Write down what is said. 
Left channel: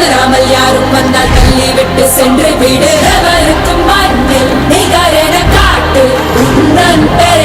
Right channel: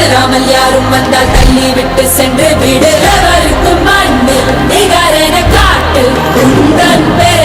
உணராமல் யாரும் வந்தால் தள்ளி விட்டு சென்று விடுறவருக்கும் அன்பில் நிகரென காட்டு உந்தன் பெயர்